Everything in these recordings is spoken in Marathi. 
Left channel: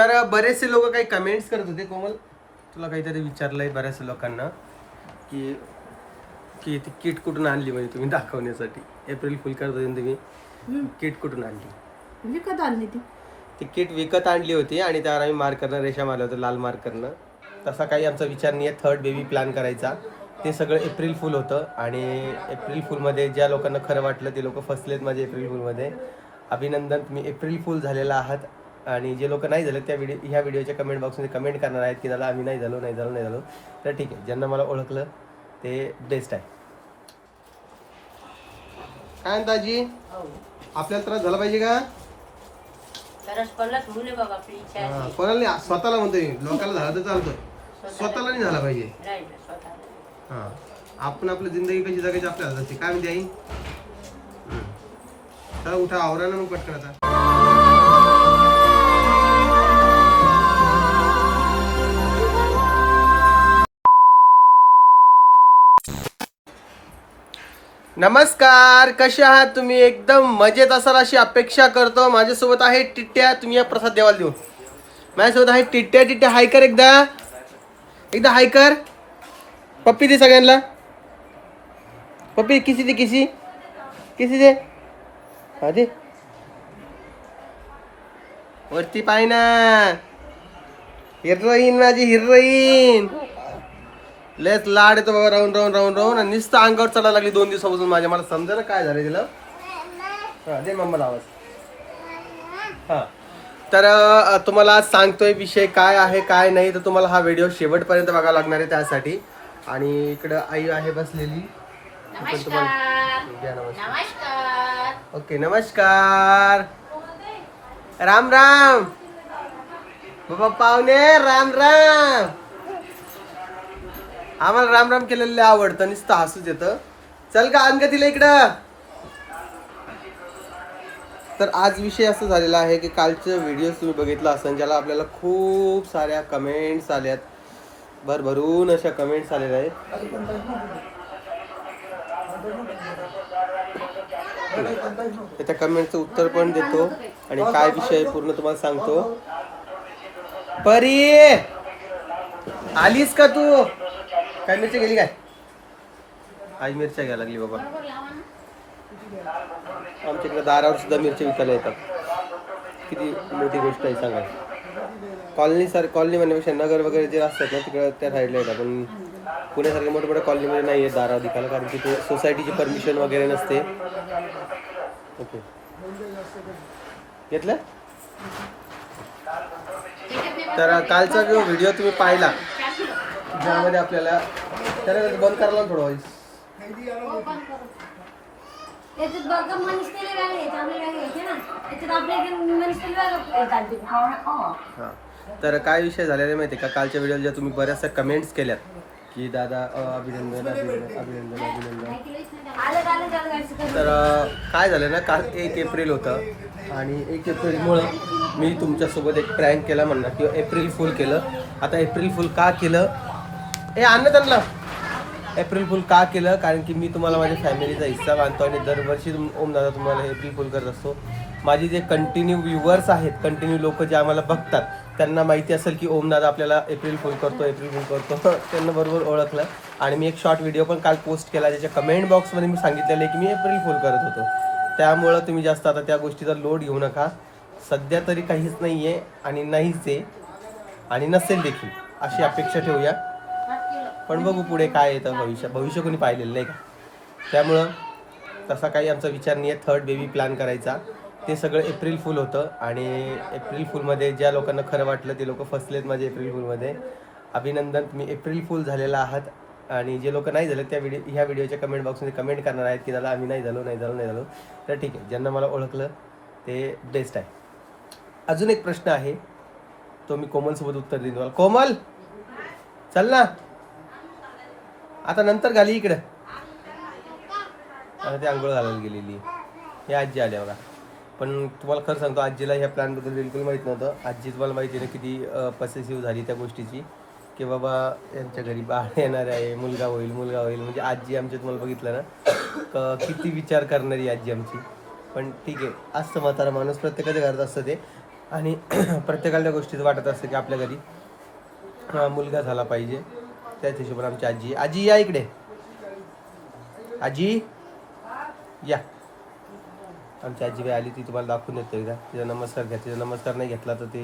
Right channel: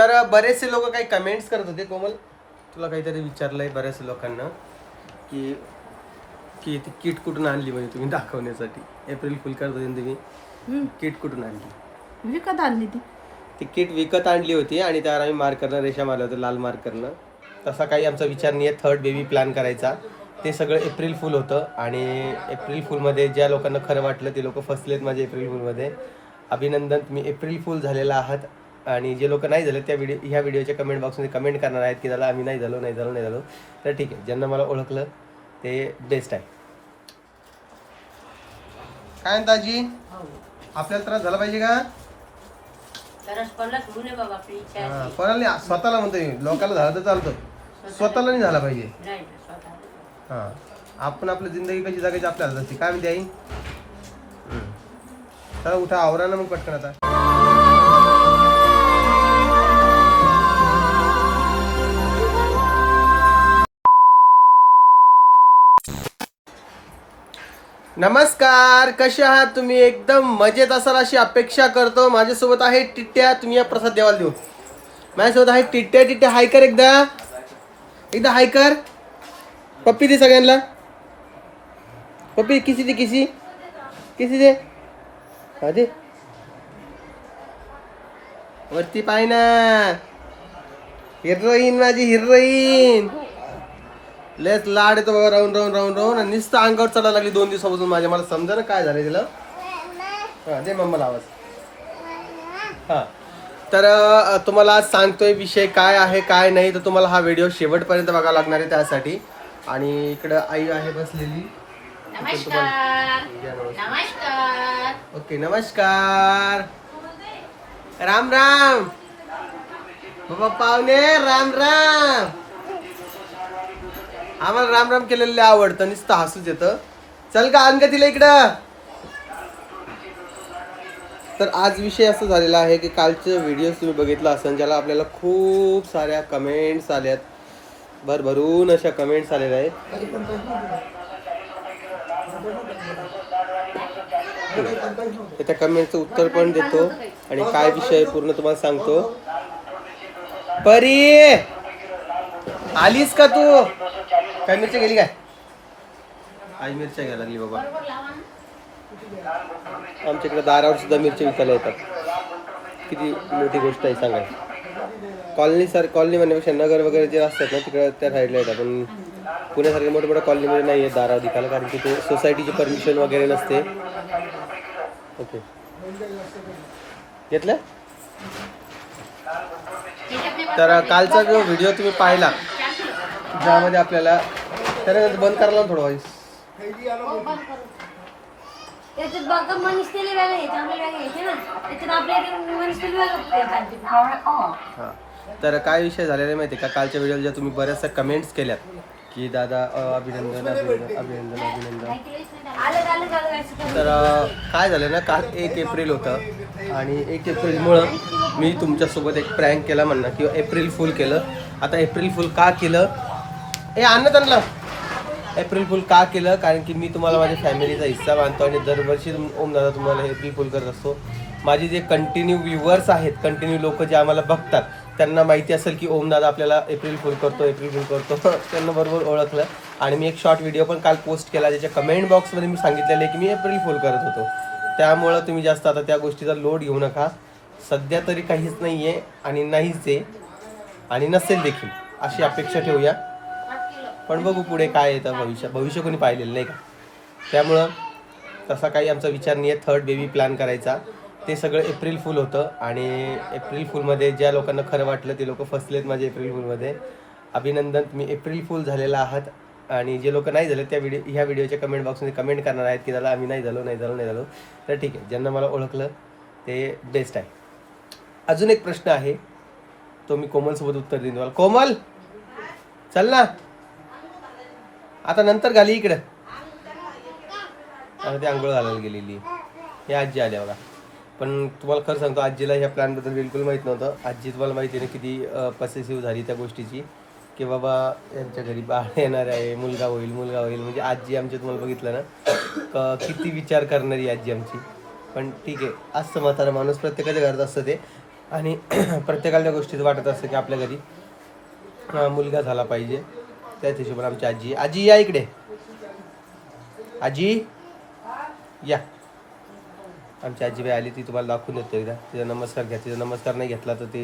तर बरेचसे लोक काही कमेंट्स करत होते. कोमल, तुला काहीतरी विचारलंय बऱ्याचशा लोकांना की की ती किट कुठून आणली, म्हणजे तुम्ही दाखवण्यासाठी एप्रिल फुल करत होते तुम्ही. किट कुठून आणली? विकत आणली ती किट विकत आणली होती आणि त्यावर आम्ही मार्करनं रेषा मारल्या होत्या, लाल मार्करनं. तसा काही आमचा विचार नाही आहे थर्ड बेबी प्लॅन करायचा. ते सगळं एप्रिल फुल होतं आणि एप्रिल फुलमध्ये ज्या लोकांना खरं वाटलं ते लोक फसलेत माझे एप्रिल फुलमध्ये. अभिनंदन, तुम्ही एप्रिल फुल झालेला आहात. आणि जे लोक नाही झाले त्या ह्या व्हिडिओच्या कमेंट बॉक्समध्ये कमेंट करणार आहेत की दादा आम्ही नाही झालो. तर ठीक आहे, ज्यांना मला ओळखलं ते बेस्ट आहे. काय म्हणता आजी, आपल्याला त्रास झाला पाहिजे का? कोणाला नाही, स्वतःला म्हणतोय. लोकांना झाला तर चालतं, स्वतःला नाही झाला पाहिजे. हा, आपण आपली जिंदगी कशी जगायची आपल्याला हातात असते. काय म्हणते आई? चला उठा, आवरा ना मग पटकन आता. नमस्कार, कसे आहात तुम्ही? एकदम मजेत असाल अशी अपेक्षा करतो. माझ्यासोबत आहे टिट्ट्या. तुम्ही या प्रसाद देवाला देऊ. माझ्यासोबत आहे टिट्ट्या. हाय कर, एकदा हाय कर. पप्पी दे सगळ्यांना. पप्पी किसी दे. हा दे. वरती पाय ना. हिरोईन, माझी हिरोईन. लेस लाड येतो बाबा, राहून आणि नुसतं अंगावर चढायला लागली 2 दिवसापासून माझ्या. मला समजा ना काय झालंय तिला. हा दे मम्माला आवाज. हा, तर तुम्हाला आज सांगतोय विषय काय आहे काय नाही, तर तुम्हाला हा व्हिडिओ शेवटपर्यंत बघावा लागणार आहे त्यासाठी. आणि इकडं आई आहे बसलेली. ओके, नमस्कार, राम राम बाबा पाहुणे, राम राम. आम्हाला राम राम केलेलं आवडतं, नुसतं हसूच येतं. चल का आण का तिला इकडं. तर आज विषय असं झालेला आहे की कालचं व्हिडिओ तुम्ही बघितला असेल, ज्याला आपल्याला खूप साऱ्या कमेंट्स आल्यात, भरभरून अशा कमेंट्स आलेल्या आहेत. त्या कमेंटचं उत्तर पण देतो आणि काय विषय पूर्ण तुम्हाला सांगतो. परी, आलीस का तू? काय मिरच्या गेली काय? आई मिरच्या घ्यायला लागली बाबा. आमच्या इकडे दारावर सुद्धा मिरच्या विकायला येतात. किती मोठी गोष्ट आहे सांगा. कॉलनी म्हणण्यापेक्षा नगर वगैरे जे असतात ना तिकडे त्या साईडला येतात, पण पुण्यासारख्या मोठ्या कॉलनीमध्ये नाही आहे दारावर विकायला, कारण की ते सोसायटीची परमिशन वगैरे नसते. ओके, घेतलं. तर कालचा जो व्हिडिओ तुम्ही पाहिला ज्यामध्ये आपल्याला त्यानंतर बंद करायला थोडं वाईस. हा, तर काय विषय झालेला माहिती आहे का? कालच्या व्हिडिओ ज्या तुम्ही बऱ्याचशा कमेंट्स केल्यात की दादा अभिनंदन. तर काय झालं ना, काल 1 एप्रिल होतं आणि 1 एप्रिलमुळं मी तुमच्यासोबत एक प्रँक केला म्हणा, किंवा एप्रिल फुल केलं. आता एप्रिल फुल का केलं, त्यांना एप्रिल फुल का केलं, कारण की मी तुम्हाला माझ्या फॅमिलीचा हिस्सा मानतो आणि दरवर्षी ओम दादा तुम्हाला एप्रिल फुल करत असतो. माझे जे कंटिन्यू व्ह्युअर्स आहेत, कंटिन्यू लोक जे आम्हाला बघतात, त्यांना माहिती असेल की ओम दादा आपल्याला एप्रिल फुल करतो. त्यांना बरोबर ओळखलं. आणि मी एक शॉर्ट व्हिडिओ पण काल पोस्ट केला, ज्याच्या कमेंट बॉक्समध्ये मी सांगितलेलं आहे की मी एप्रिल फुल करत होतो. त्यामुळं तुम्ही जास्त आता त्या गोष्टीचा लोड घेऊ नका. सध्या तरी काहीच नाही आहे आणि नाहीच आहे आणि नसेल देखील, अशी अपेक्षा ठेवूया. पण बघू पुढे काय येतं. भविष्य कोणी पाहिलेलं नाही का. त्यामुळं तसा काही आमचा विचार नाही आहे थर्ड बेबी प्लॅन करायचा. ते सगळं एप्रिल फुल होतं आणि एप्रिल फुलमध्ये ज्या लोकांना खरं वाटलं ते लोक फसलेत माझे एप्रिल फुलमध्ये. अभिनंदन, तुम्ही एप्रिल फुल झालेला आहात. आणि जे लोक नाही झाले त्या ह्या व्हिडिओच्या कमेंट बॉक्समध्ये कमेंट करणार आहेत की दादा आम्ही नाही झालो. तर ठीक आहे, ज्यांना मला ओळखलं ते बेस्ट आहे. अजून एक प्रश्न आहे, तो मी कोमलसोबत उत्तर देईन तुम्हाला. कोमल, चल ना आता, नंतर घाली इकडं. आता ती आंघोळ घालायला गेलेली. हे आजी आल्या बघा. पण तुम्हाला खरं सांगतो, आजीला ह्या प्लॅनबद्दल बिलकुल माहीत नव्हतं. आजी तुम्हाला माहिती आहे ना किती पसेसिव्ह झाली त्या गोष्टीची, की बाबा यांच्या घरी बाळ येणार आहे, मुलगा होईल. म्हणजे आजी आमची तुम्हाला बघितलं ना किती विचार करणारी आजी आमची. पण ठीक आहे, असं म्हातारा माणूस प्रत्येकाच्या घरात असतं ते. आणि प्रत्येकाला त्या गोष्टीचं वाटत असतं की आपल्या घरी मुलगा झाला पाहिजे. त्याच हिशोबाने आमची आजी आजी या इकडे. आजी या. आमची आजीबाई आली ती तुम्हाला दाखवून देतो एकदा. तिचा नमस्कार घ्या. तिचा नमस्कार नाही घेतला तर ते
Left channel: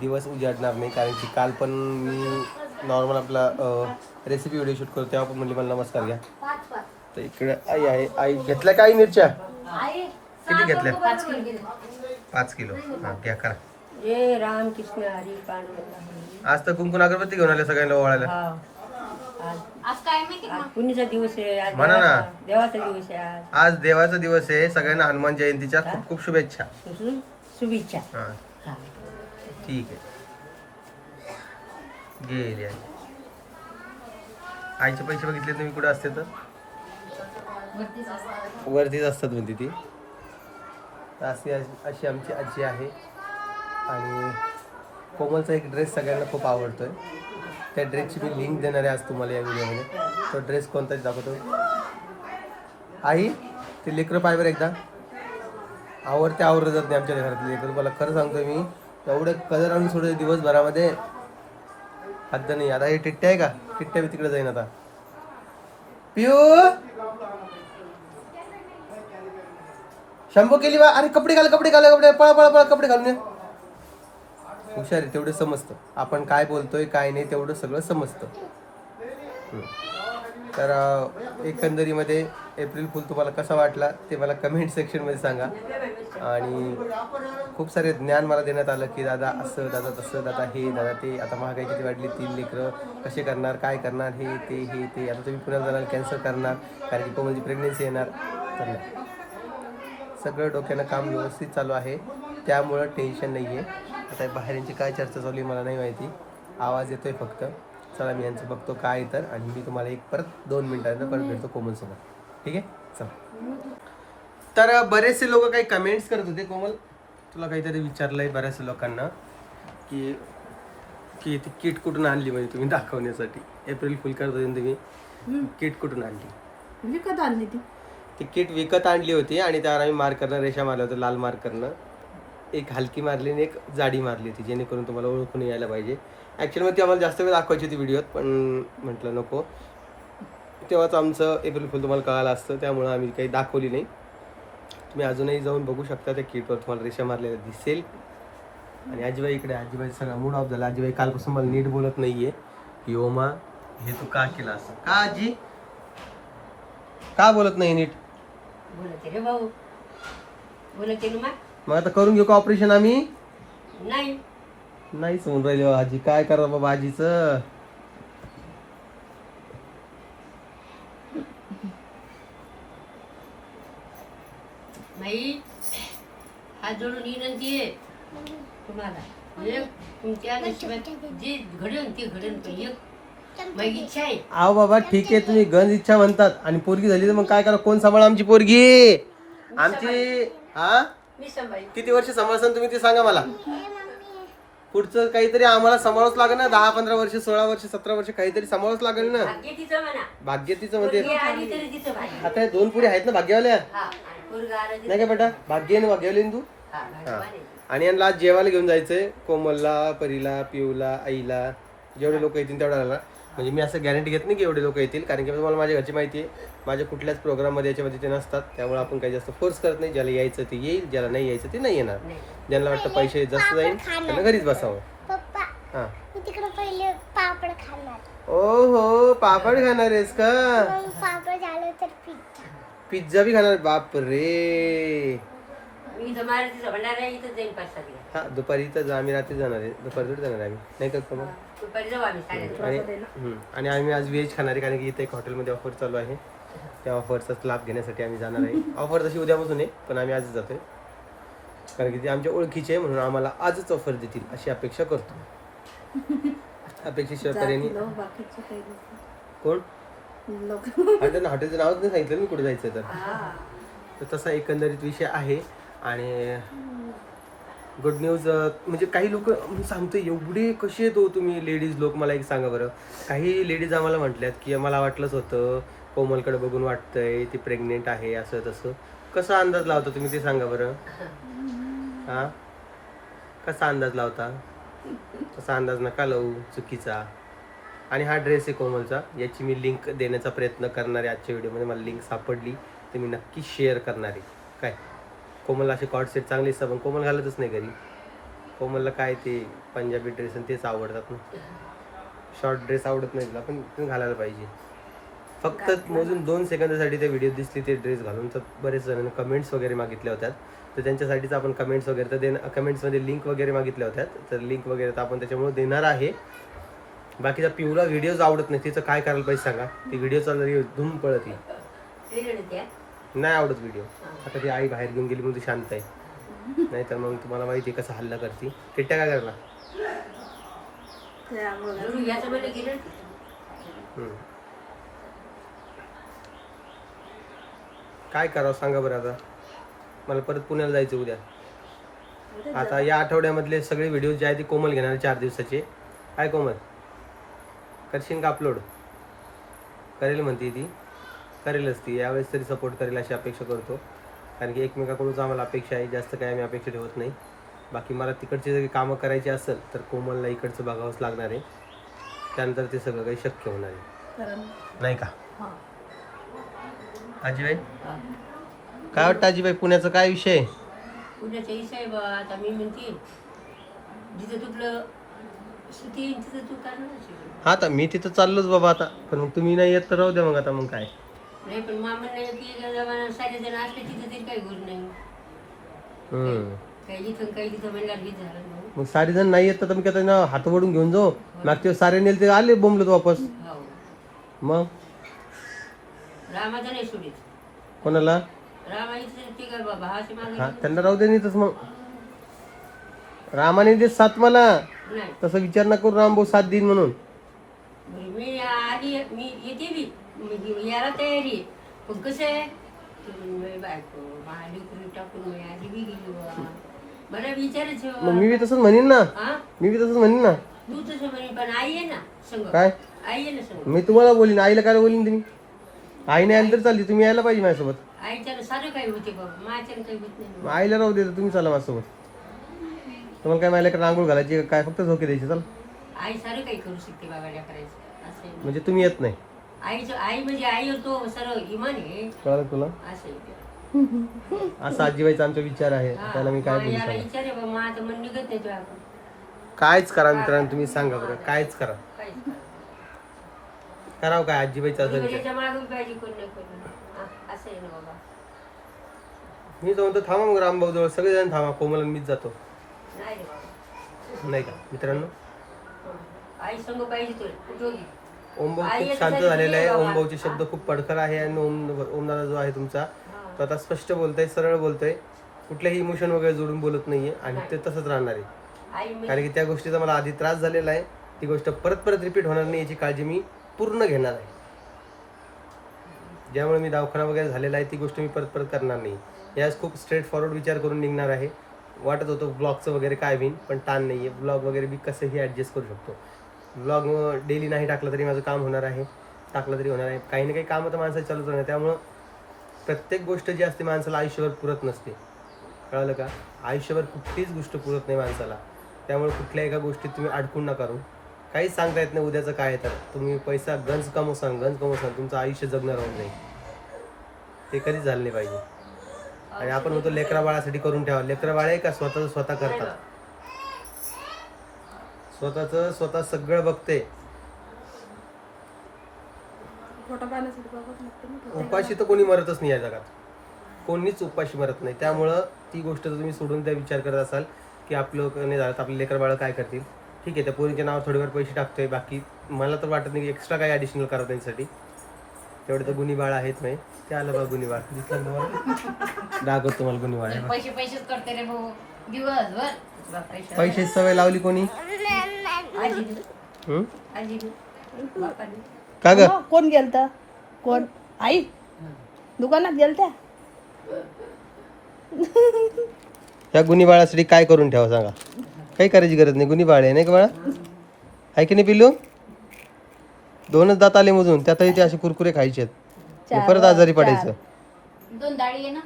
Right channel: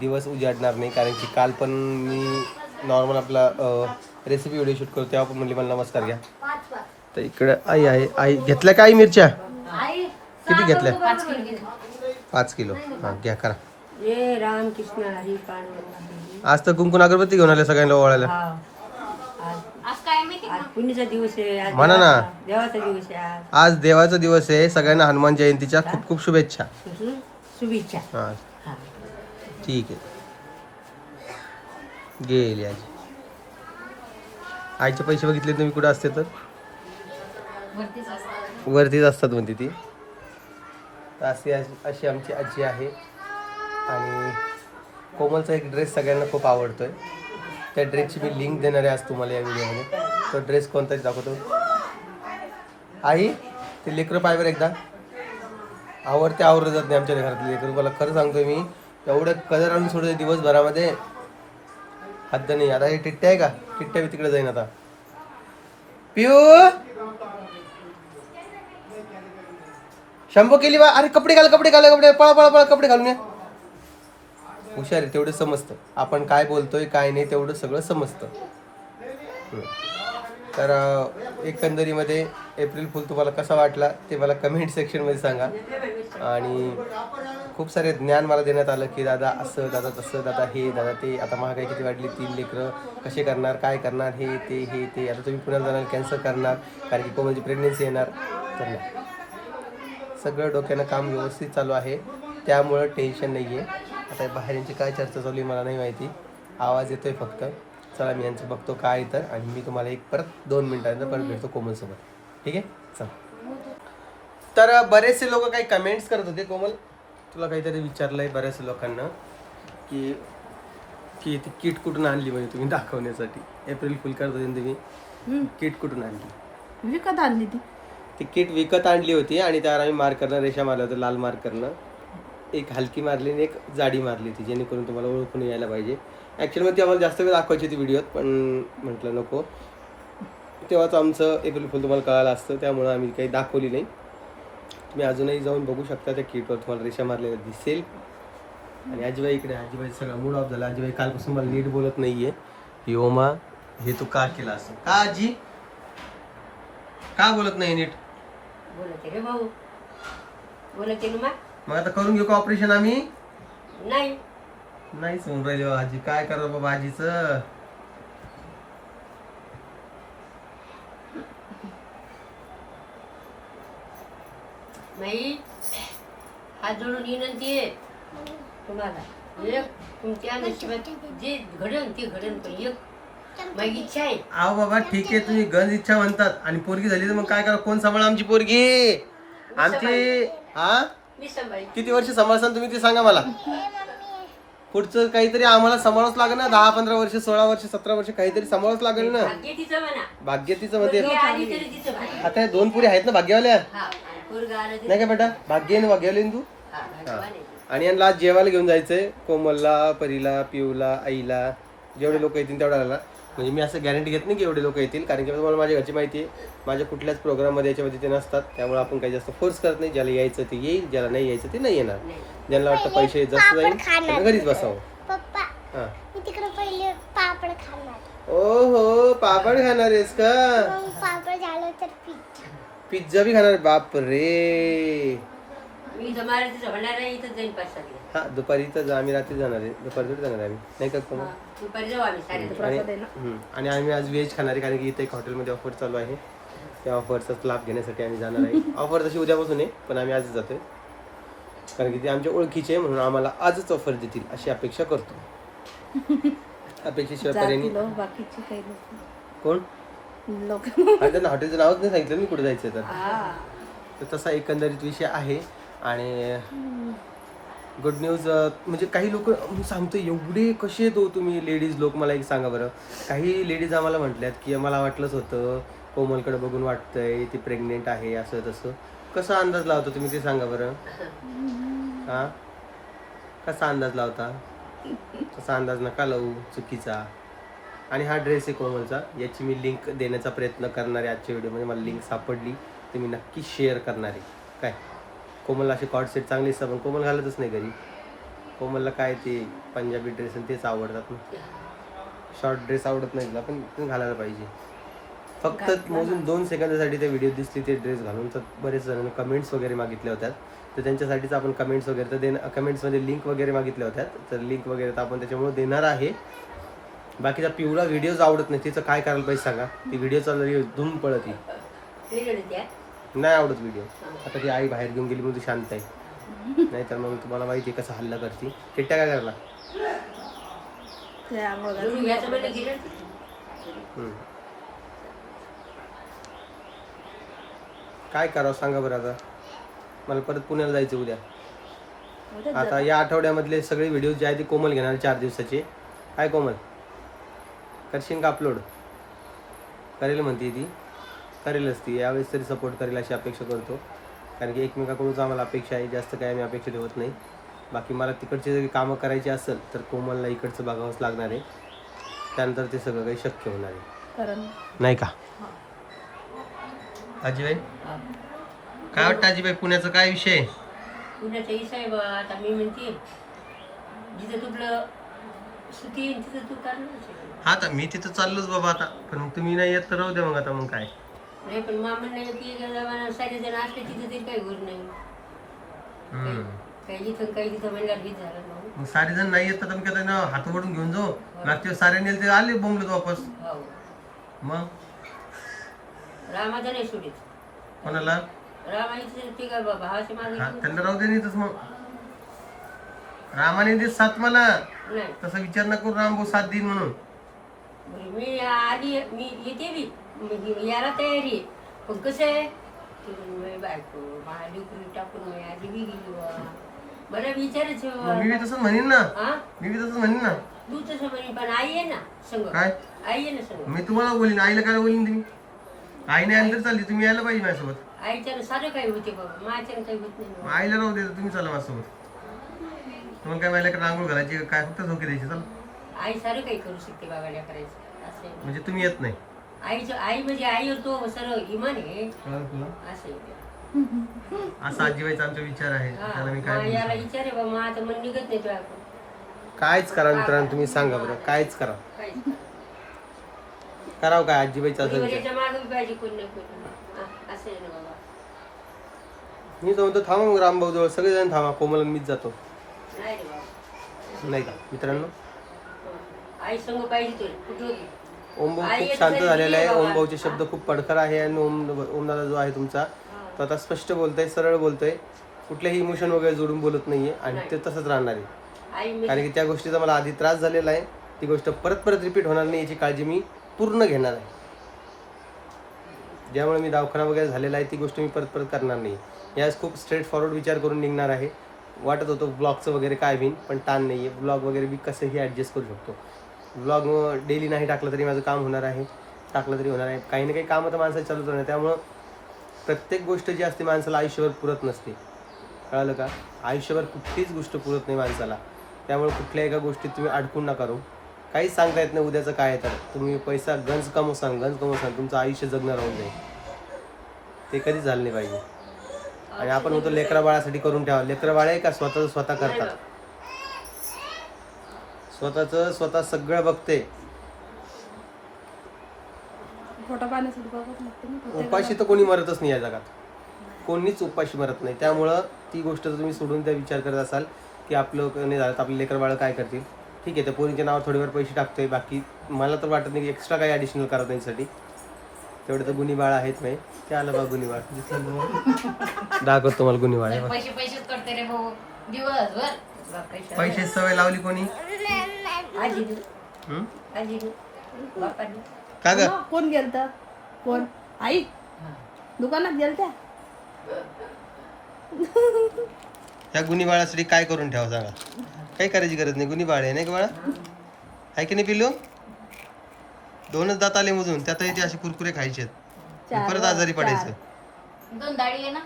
दिवस उजाडणार नाही. कारण की काल पण मी नॉर्मल आपला रेसिपी व्हिडिओ शूट करतो तेव्हा पण म्हणली मला नमस्कार घ्या. तर इकडे आई आहे. आई घेतल्या का आई मिरच्या किती घेतल्या? 5 किलो. हां घ्या करा. जय राम कृष्ण हरी पांडुरंग. आज तर कुंकुम अगरबत्ती घेऊन आले सगळ्यांना ओवाळायला. आज काय माहिती आज पुण्याचा दिवस आहे. आज म्हणा ना. देवाचा दिवस आहे. आज आज देवाचा दिवस आहे. सगळ्यांना हनुमान जयंतीच्या खूप खूप शुभेच्छा. शुभेच्छा. हां ठीक आहे. गेली आज. आईचे पैसे बघितले तुम्ही कुठे असते तर वरतीच असतात म्हणते ती. अशी आमची आजी आहे. आणि कोमलचा एक ड्रेस सगळ्यांना खूप आवडतोय. त्या ड्रेसची मी लिंक देणार आहे आज तुम्हाला या व्हिडिओमध्ये. तो ड्रेस कोणताच दाखवतो. आई ते लेकरं पायवर एकदा आवडते आवडत जात नाही आमच्या घरातले लेकरं. मला खरं सांगतोय मी एवढं कलर आणून सोडते दिवसभरामध्ये हद्द नाही. आता हे टिट्ट्या आहे का टिट्ट्या मी तिकडे जाईन आता. पिऊ शंभू केली बा. अरे कपडे घाल कपडे घाल कपडे पळा पळा पळा कपडे घालून ये. हुशार आहे तेवढं समजतं. आपण काय बोलतोय काय नाही तेवढं सगळं समजतं. तर एकंदरीमध्ये एप्रिल फुल तुम्हाला कसा वाटला ते मला कमेंट सेक्शनमध्ये सांगा. आणि खूप सारे ज्ञान मला देण्यात आलं की दादा असं दादा तसं दादा हे दादा ते. आता महागाई किती वाढली 3 लेकरं कसे करणार काय करणार हे ते. आता तुम्ही पुण्याला जाणार कॅन्सल करणार कारण की कोमलची प्रेग्नेन्सी येणार. तर नाही सगळं डोक्यानं काम व्यवस्थित चालू आहे त्यामुळं टेन्शन नाही आहे. आता बाहेरची काय चर्चा चालू आहे मला नाही माहिती. आवाज येतोय फक्त. चला मी यांचं बघतो काय तर आणि मी तुम्हाला परत 2 मिनिटांनंतर परत भेटतो कोमलसोबत. ठीक आहे चला. तर बरेचसे लोक काही कमेंट्स करत होते. कोमल तुला काहीतरी विचारलं आहे बऱ्याचशा लोकांना की ती किट कुठून आणली म्हणजे तुम्ही दाखवण्यासाठी. एप्रिल फुल करत होते तुम्ही. किट कुठून आणली? विकत आणली ती किट विकत आणली होती आणि त्यावर आम्ही मार्करनं रेषा मारल्या होत्या लाल मार्करनं. एक हलकी मारली आणि एक जाडी मारली होती जेणेकरून तुम्हाला ओळखून यायला पाहिजे. ॲक्च्युअली ती आम्हाला जास्त वेळ दाखवायची होती व्हिडिओत पण म्हटलं नको. तेव्हाच आमचं एप्रिल फुल तुम्हाला कळालं असतं त्यामुळं आम्ही काही दाखवली नाही. तुम्ही अजूनही जाऊन बघू शकता त्या किटवर तुम्हाला रेषा मारलेल्या दिसेल. आणि आजीबाई इकडे. आजीबाई सगळा मूड ऑफ झाला. आजीबाई कालपासून मला नीट बोलत नाहीये. योमा हे तू का केलं असं का आजी का बोलत नाही नीट? बोलते रे भाऊ बोलते ना मग आता करून घेऊ का ऑपरेशन आम्ही? नाही नाही समजून राहिले आजी. काय करा बाबा आजीचं. नाही हात जोडून विनंती आहे तुम्हाला. तुमच्या नशिबात जे घडण ते घडण पण एक माझी इच्छा आहे. आहो बाबा ठीक आहे तुम्ही गंज इच्छा म्हणतात आणि पोरगी झाली तर मग काय करा. कोण सांभाळा आमची पोरगी आमची? हा मी सांभाळी. किती वर्ष सांभाळसान तुम्ही ते सांगा मला. पुढचं काहीतरी आम्हाला सांभाळच लागेल ना. 10-15 वर्ष 16 वर्ष 17 वर्ष काहीतरी सांभाळच लागेल ना. भाग्य तिचं म्हणा. भाग्य तिचं म्हणते. हे आली तरी तिचं भाग्य. आता 2 पुरी आहेत ना भाग्यवाल्या. हा पोरगं आलं तरी- नाही का बेटा भाग्य आणि भाग्यवाली तू. हा, भाग्यवान आहे. आणि यांना आज जेवायला घेऊन जायचंय. कोमलला परीला पिऊला आईला जेवढे लोक येतील तेवढ्याला. म्हणजे मी असं गॅरंटी घेत नाही की एवढे लोक येतील कारण की तुम्हाला माझ्या घरची माहिती आहे. माझ्या कुठल्याच प्रोग्राममध्ये याच्यामध्ये ते नसतात त्यामुळे आपण काही जास्त फोर्स करत नाही. ज्याला यायचं ते येईल ज्याला नाही यायचं ते नाही येणार. ज्यांना वाटतं पैसे जास्त जाईल त्यांना घरीच बसावं. हा तिकडे पहिले पापड खाणार. ओ हो पापड खाणार आहेस का? मग पापड झालं तर पिझ्झा. पिझ्झा बी खाणार? बाप रे. मी इथं मारुतीचं होणार आहे इथं जाईन पाच हा दुपारी तर आम्ही रात्री जाणार आहे. दुपारी थोडी जाणार आहे आम्ही नाही का कोमल? दुपारी जाऊ आम्ही आणि आम्ही आज व्हेज खाणार आहे कारण की इथे एक हॉटेलमध्ये ऑफर चालू आहे. त्या ऑफरचाच लाभ घेण्यासाठी आम्ही जाणार आहे. ऑफर तशी उद्यापासून आहे पण आम्ही आजच जातोय कारण की ते आमच्या ओळखीचे आहे म्हणून आम्हाला आजच ऑफर देतील अशी अपेक्षा करतो. अपेक्षेशिवाय पर्याय नाही. बाकीचे काही कोण लोक आणि त्यांना हॉटेलचं नावच नाही सांगितलं मी कुठे जायचं तर तसा एकंदरीत विषय आहे. आणि गुड न्यूज म्हणजे काही लोक मी सांगतो एवढे कसे आहेत हो तुम्ही लेडीज लोक. मला एक सांगा बरं. काही लेडीज आम्हाला म्हटल्यात की मला वाटलंच होतं कोमलकडे बघून वाटतंय ती प्रेग्नेंट आहे असं तसं. कसा अंदाज लावतो तुम्ही ते सांगा बरं. हां कसा अंदाज लावता? तसा अंदाज नका लावू, चुकीचा. आणि हा ड्रेस आहे कोमलचा, याची मी लिंक देण्याचा प्रयत्न करणार आहे आजच्या व्हिडिओमध्ये. मला लिंक सापडली तर मी नक्की शेअर करणार आहे. काय कोमलला असे कॉर्ड सेट चांगले असतात, पण कोमल घालतच नाही घरी. कोमलला काय ते पंजाबी ड्रेस आणि तेच आवडतात ना. शॉर्ट ड्रेस आवडत नाही तिला, पण घालायला पाहिजे. फक्त मोजून 2 सेकंदासाठी ते व्हिडिओ दिसली ते ड्रेस घालून, तर बरेच जणांनी कमेंट्स वगैरे मागितल्या होत्या. तर त्यांच्यासाठीच आपण कमेंट्स वगैरे तर कमेंट्समध्ये लिंक वगैरे मागितल्या होत्या, तर लिंक वगैरे तर आपण त्याच्यामुळे देणार आहे. बाकीचा पिवळा व्हिडिओज आवडत नाही, तिचं काय करायला पाहिजे सांगा? ती व्हिडिओ चालली धूम पळत नाही आवडत व्हिडिओ. आता ती आई बाहेर घेऊन गेली म्हणून ती शांत आहे, नाही तर मग तुम्हाला माहिती आहे कसं हल्ला करते. किट्ट्या काय करला? काय करावं सांगा बरं. आता मला परत पुण्याला जायचं उद्या. आता या आठवड्यामधले सगळे व्हिडिओ जे आहे ते कोमल घेणार 4 दिवसाचे. काय कोमल करशील का अपलोड? करेल म्हणते ती, करेलच ती यावेळेस तरी सपोर्ट करेल अशी अपेक्षा करतो. कारण की एकमेकाकडूनच आम्हाला अपेक्षा आहे, जास्त काय आम्ही अपेक्षा ठेवत नाही. बाकी मला तिकडची जरी कामं करायची असेल तर कोमलला इकडचं बघावंच लागणार आहे, त्यानंतर ते सगळं काही शक्य होणार आहे, नाही का आजीबाई? काय वाटतं आजीबाई, पुण्याचा काय विषय? पुण्याचा विषय बा आता मी म्हणते जिथं तुपलं सुती तिथं तू करणार. हा आता मी तिथं चाललोच बाबा आता, पण मग तुम्ही नाही येत तर राहू द्या मग. आता मग काय नाही, पण मामा नाही की सारे जण असले तिथं तरी काही गोष्ट नाही. काही इथं काही तिथं महिला भीत झालं ना. मग सारे जण नाही येत तर मी काय ना हात वडून घेऊन जाऊ? मागच्या सारे नेल ते आले बोंबलत वापस. हो मग रामाचं नाही सोडित. कोणाला? रामाईचं ते काय बाबा भावाचे मागे हा त्यांना राहू दे नाहीतच. मग रामाने दे 7 मला, नाही. तसं विचार न करू राम भाऊ 7 दिन म्हणून. बरं, मी आधी मी येते बी म्हणजे यायला तयारी आहे, पण कसं आहे बायको महादेवपुरी टाकून मी आधी बी गेली बा. बरं विचारायचं मग मी बी तसंच म्हणीन ना, हा मी बी तसंच म्हणीन ना. तू तसं म्हणे, पण आई आहे ना संग. काय आई आहे ना संग. मी तुम्हाला बोलीन, आईला काय बोलीन तुम्ही? आईने अंतर चालली, तुम्ही यायला पाहिजे माझ्यासोबत. आईच्यानं सारं काही होते बाबा, माझ्यानं काही होत नाही मग बाबा. आईला राहू दे, तुम्ही चला माझ्यासोबत. तुम्हाला काय माझ्याकडे आंघोळ घालायची काय, फक्त झोके द्यायची? चला. आई सारं काही करू शकते बाबा करायचं असं आहे. म्हणजे तुम्ही येत नाही? आईचं आई म्हणजे आईवर तो सरळ इमान आहे कळलं तुला? असं आहे. असा आजीबाईचा आमचा विचार आहे, त्याला मी काय हा, याला बोलू? विचारे बाबा, मग आता मन निघत नाही तुला आपण कायच करा मित्रांनो, तुम्ही सांगा बरं, कायच करा. काहीच करावं काय आजीबाईचा असा म्हणजे विचार? त्याच्या मागे बी पाहिजे कोण ना कोण. हा, असं आहे ना बाबा. मी तो म्हणतो थांबा मग रामभाऊ जवळ, सगळेजण थांबा, कोमल आणि मीच जातो. नाही रे बाबा, नाही का मित्रांनो? आई संग पाहिजे तुला कुठं बी. ओमभाऊ आई खूप येत शांत तरी झालेला आहे. बाबा. ओमभाऊचे शब्द खूप पडखर आहे आणि ओमदादा जो आहे तुमचा तो आता स्पष्ट बोलतोय, सरळ बोलतोय, कुठल्याही इमोशन वगैरे जोडून बोलत नाहीये आणि ते तसंच राहणार आहे. आई म्हणजे कारण की त्या गोष्टीचा मला आधी त्रास झालेला आहे, ती गोष्ट परत परत रिपीट होणार नाही याची काळजी मी पूर्ण घेणार आहे. ज्यामुळे मी दवाखाना वगैरे झालेला आहे ती गोष्ट मी परत परत करणार नाही. यास खूप स्ट्रेट फॉरवर्ड विचार करून निघणार आहे. वाटत होतं ब्लॉगचं वगैरे काय होईन, पण ताण नाही आहे. ब्लॉग वगैरे मी कसंही ॲडजस्ट करू शकतो. ब्लॉग डेली नाही टाकलं तरी माझं काम होणार आहे, टाकलं तरी होणार आहे. काही ना काही कामं तर माणसाची चालूच राहणार. त्यामुळं प्रत्येक गोष्ट जी असते माणसाला आयुष्यभर पुरत नसते, कळलं का? आयुष्यभर कुठलीच गोष्ट पुरत नाही माणसाला. त्यामुळे कुठल्या एका गोष्टीत तुम्ही अडकून नका राहू. काहीच सांगता येत नाही उद्याचं काय आहे. तर तुम्ही पैसा गंज कमवसान तुमचं आयुष्य जगणं राहून जाईल. ते कधीच झालं नाही पाहिजे. आणि आपण म्हणतो लेकरा बाळासाठी करून ठेवा. लेकरा बाळ आहे का स्वतःचं स्वतः करतात, स्वतःचं स्वतः सगळं बघते. उपाशी तर कोणी मरतच नाही या जगात, कोणीच उपाशी मरत नाही. त्यामुळं ती गोष्ट जर तुम्ही सोडून त्या विचार करत असाल की आपलं नाही झालं तर आपले लेकर बाळ काय करतील, ठीक आहे त्या पोरींच्या नावावर थोडीफार पैसे टाकतोय, बाकी मला तर वाटत नाही की एक्स्ट्रा काही ॲडिशनल करत त्यांच्यासाठी. तेवढे तर गुन्ही बाळ आहेत नाही. ते आलं बा गुन्ही बाळ, दाखवतो मला गुन्ही बाळ. पैसे पैसेच करते रे भाऊ दिवसभर. पैसे सवय लावली कोणी? आजी हं? आजी बापाने. का ग? कोण गेलता? कोण? आई दुकानात गेलत्या? त्या गुन्ही बाळासाठी काय करून ठेवा सांगा? काही करायची गरज नाही. गुन्ही बाळ आहे नाही का बाळा? आहे की नाही पिल्लू? 2च दात आले मधून, त्यातही ते असे कुरकुरे खायचे आहेत, परत आजारी पडायचं. 2 दाढी आहे ना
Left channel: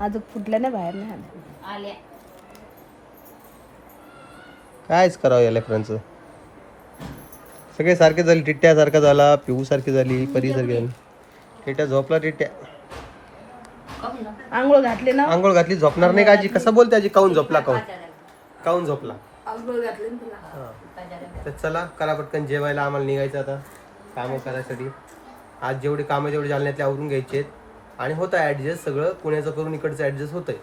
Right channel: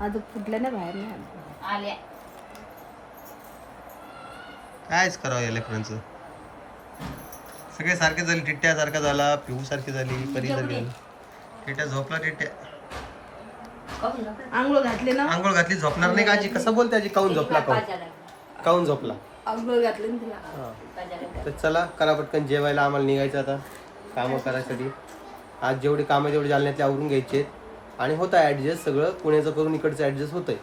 आता फुटल्या ना बाहेर नाही आल्या. कायच करावं या लेकरांचं. सगळे सारखे झाले. टिट्ट्या सारखा झाला, पिहू सारखी झाली, परी सारखी झाली. टिट्ट्या झोपला. टिट्ट्या आंघोळ घातले ना, आंघोळ घातली झोपणार नाही का आजी? कसं बोलते आजी? काऊन झोपला? काऊन झोपला? आंघोळ घातले ना तुला. हा. तर चला करा पटकन जेवायला. आम्हाला निघायचं आता कामं करायसाठी. आज जेवढे कामं जेवढे जालन्यातले आवरून घ्यायचे आहेत. आणि होतं ॲडजस्ट सगळं. पुण्याचं करून इकडचं ॲडजस्ट होतंय.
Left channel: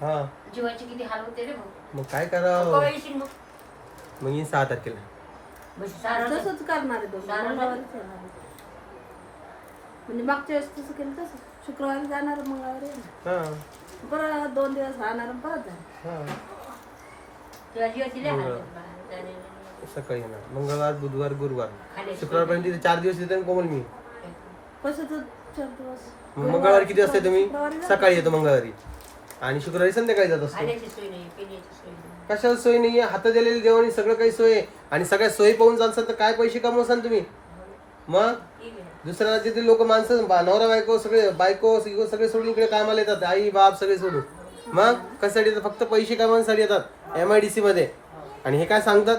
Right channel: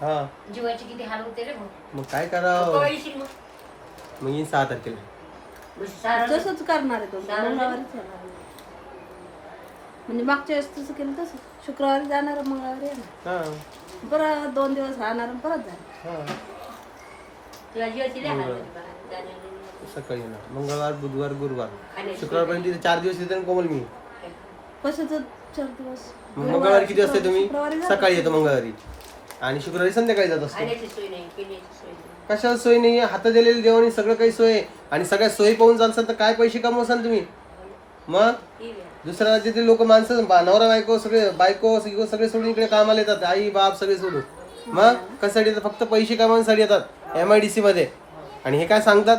हा जीवाची किती हाल होते रे भाऊ. मग काय करावं? येशील मग. मग येईन 6 तारखेला. तसंच करणार आहे तो, मंगळवारीच होणार आहे. म्हणजे मागच्या वेळेस तसं केलं तसं, शुक्रवारी जाणार, मंगळवारी येणार, हा परत 2 दिवस राहणार आणि परत जाणार. हा तुला जीवाची लय हाल होते. सकाळी येणार. मंगळवार, बुधवार, गुरुवार, शुक्रवारपर्यंत तिथे 4 दिवस येते कोमल मी. कशाचं 4 दिवस? मग मंगळवारी किती वाजता तुम्ही? शुक्रवारी जा. सकाळी येतो मंगळवारी. आणि शुक्रवारी संध्याकाळी जात असतो. खाण्याची सोय नाही, पिण्याची सोय नाही. कशाला सोय नाहीये? हातात दिलेली देवानी सगळं काही सोय आहे. आणि सगळ्या सोयी पाहून चालसाल तर काय पैसे कमवसाल तुम्ही? मग दुसऱ्या राज्यातील लोक माणसं नवरा बायको सगळे सगळे सोडून इकडे कामाला येतात. आई बाप सगळे सोडून. मग कशासाठी येतात? फक्त पैसे कमवण्यासाठी येतात MIDC मध्ये. आणि हे काय सांगतात?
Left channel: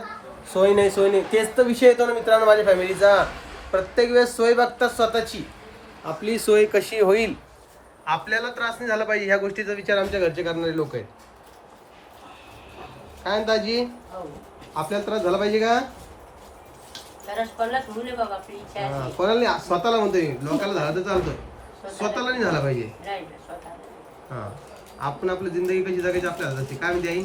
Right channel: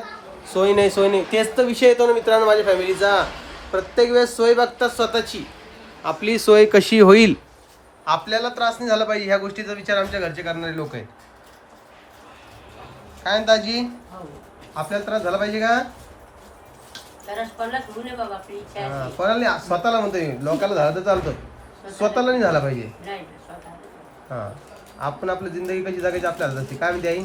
सोय नाही, सोय नाही. तेच तर विषय येतो ना मित्रांनो माझ्या फॅमिलीचा. प्रत्येक वेळेस सोय बघतात स्वतःची. आपली सोय कशी होईल, आपल्याला त्रास नाही झाला पाहिजे, ह्या गोष्टीचा विचार आमच्या घरचे करणारे लोक आहेत. काय म्हणता आजी? आपल्याला त्रास झाला पाहिजे का? तरच पडला ठेवू नये बाबा, आपली इच्छा आहे. हा, कोणाला नाही, स्वतःला म्हणतोय. लोकांना झाला तर चालतं, स्वतःला नाही झाला पाहिजे. नाही ना, स्वतःला. हा, आपण आपली जिंदगी कशी जगायची आपल्याला असते. काय म्हणते आई?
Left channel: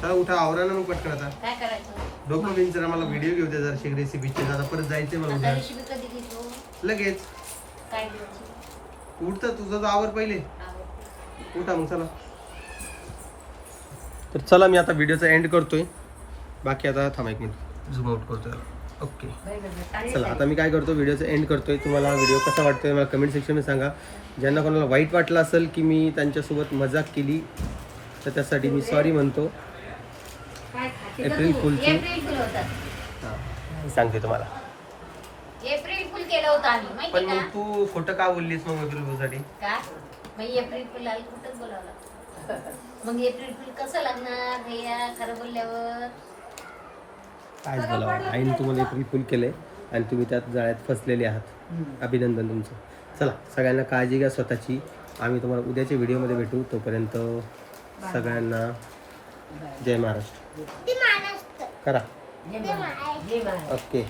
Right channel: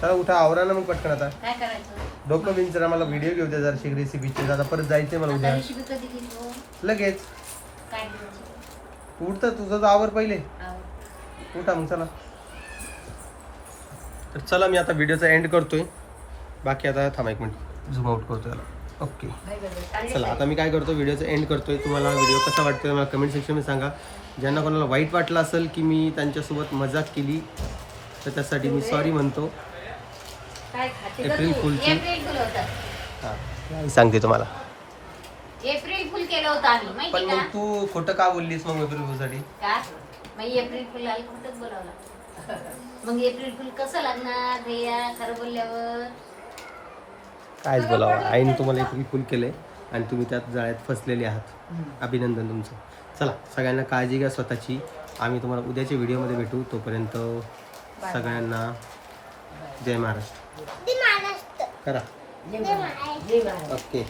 चला उठा, आवरा ना मग पटकन. आता काय करायचं? डोकं बिनचं आम्हाला व्हिडिओ घेऊ द्या जरा रेसिपीचे. आता परत जायचंय मला आता उद्या रेसिपी कधी घेतो? लगेच. काय घ्यायची? उठतं तुझं तर आवर पहिले. उठा मग चला. तर चला मी आता व्हिडिओचा एंड करतोय. बाकी आता थांबा 1 मिनिट झूम आउट करतोय. ओके चला आता मी काय करतो, व्हिडिओचा एंड करतोय. तुम्हाला व्हिडिओ कसा वाटतोय मला कमेंट सेक्शनमध्ये सांगा. ज्यांना कोणाला वाईट वाटलं असेल की मी त्यांच्यासोबत मजाक केली तर त्यासाठी मी सॉरी म्हणतो. एप्रिल फुलची एप्रिल फुल होतं. हां सांगते तुम्हाला. एप्रिल फुल केलं होतं आम्ही, पण माहिती मग का? तू खोटं का बोललीस मग एप्रिल फुलसाठी? का? मग एप्रिल फुल आलं कुठंच बोलावलं. मग एप्रिल फुल कसं लागणार भैया खरं बोलल्यावर? कायच बोलावं. आईने तुम्हाला एप्रिल फुल केलंय आणि तुम्ही त्यात जाळ्यात फसलेले आहात. अभिनंदन तुमचं. चला सगळ्यांना काळजी घ्या स्वतःची. आम्ही तुम्हाला उद्याच्या व्हिडिओमध्ये भेटू. तोपर्यंत सगळ्यांना जय महाराष्ट्र ते महाराष्ट्र करा. ते महाराष्ट्र ओके.